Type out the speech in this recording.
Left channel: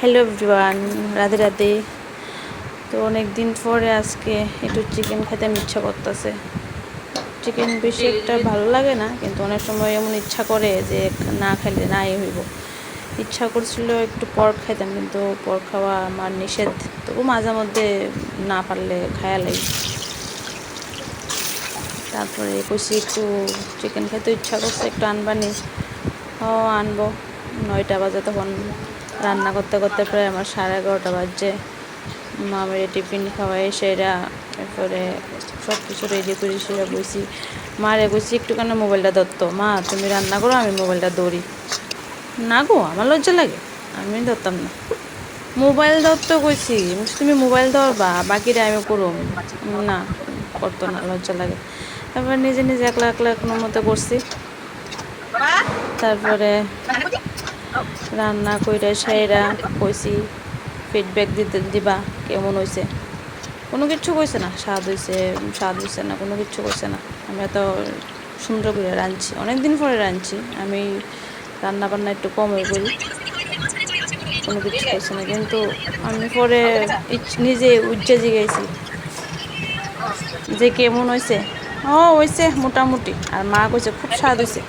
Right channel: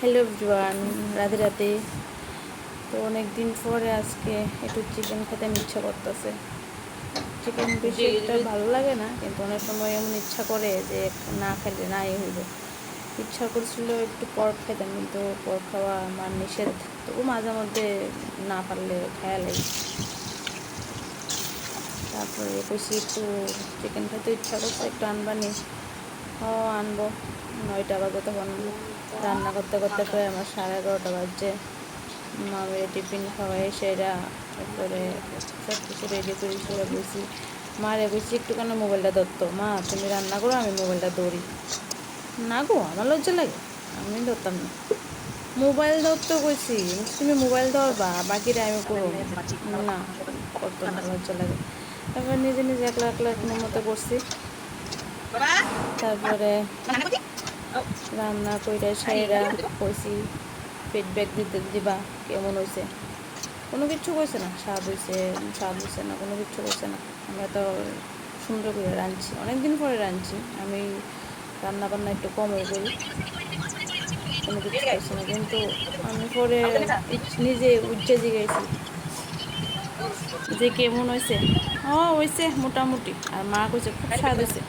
Hello everyone, Radhe Radhe. তো অনেক দিন পরে আজকে একটু চিকেন খেতে ইচ্ছা করতেছে। চিকেন বেশি একটা ভালো লাগে না, কিন্তু অনেক সময় এমন ইচ্ছা করে যে না খেলে নাই হইব। ইচ্ছা করছিল একটু পর্ক খাইতাম, কিন্তু পর্ক খাওয়া আমার নিষেধ। তবু মাঝে মধ্যে না পারলে খায়া লাগি। তারপরে কইছি একটু চিকেন খেতে ইচ্ছা করছে, একটু আনবানি। ও আনবো। 9টা বাজে, তখন রান্না করতে করতে প্রায় আমার 11:30 বাজছে। মামের টিফিন খাওয়াই সেরা, তারপরে সব কিছু রেডি করি সেরা বইছি। মারে বইছি একটুখানি মোবাইলটা ধরতো, মা তুমি রান্না করো, আমি মোবাইলটা দৌড়ি। না গো, আমার লজ্জা লাগে, আমি ধরতাম না। মোবাইল ধরতে কইছি, তুমি মোবাইল ধরবা, বাকিটা আমি করুম। না, করতো না, লজ্জা লাগে। তারপরে নিজে নিজে একলা একলা কোনো মতো করছি। তারপরে রান্না কইরা সেরা কইছি ফিডব্যাক দিবা কেমন হয়েছে। কোনো কিছু কইছে না, স্বাদ হয়েছে না, কোনো কিছু কইছে না। আমি এত সুন্দর করে রাঁধছি, অনেক দিন পরে রাঁধছি আমি। রান্না বান্না একটু কমই করি, কোনো কিছু কইছে না। কিন্তু আমি পরে নিজে উজ্জে জিগাইছি যে কেমন হয়েছে। হয়েছে মোটামুটি। আর মা কইছে খুব স্বাদ হয়েছে।